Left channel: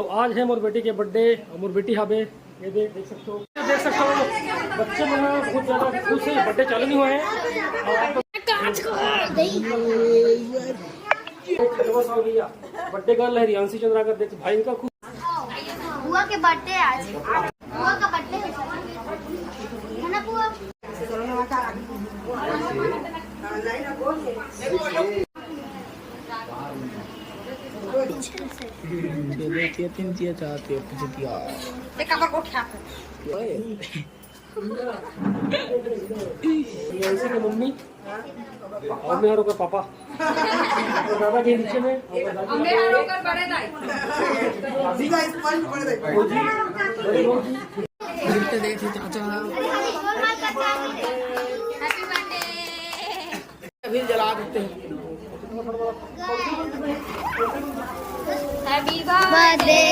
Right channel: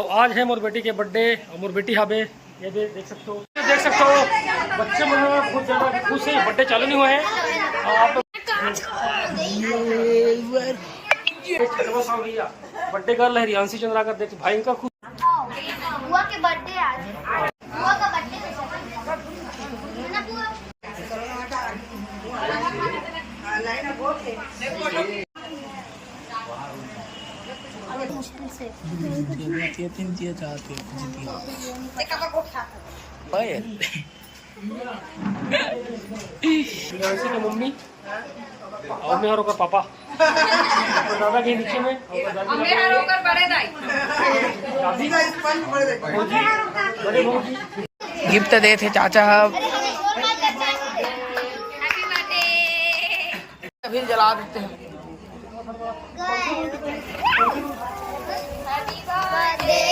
तो आज है मोर बेटी के बर्थडे और मोर बेटी हाबे ये देख सकते हो बच्चे मन बहुत ज़्यादा खुश है। बर्थडे चालू नहीं हुआ है और आप बर्थडे गर्ल है रियांशी चंद्राकर देख भाई का खुश बुआ के बर्थडे आज बुआ का बर्थडे है ना बुआ। रियांशी की मम्मी और मैं और पापा और दादा के नीचे में और दादी गिफ्ट दे थे चाचा फिर जला देते हैं। Happy birthday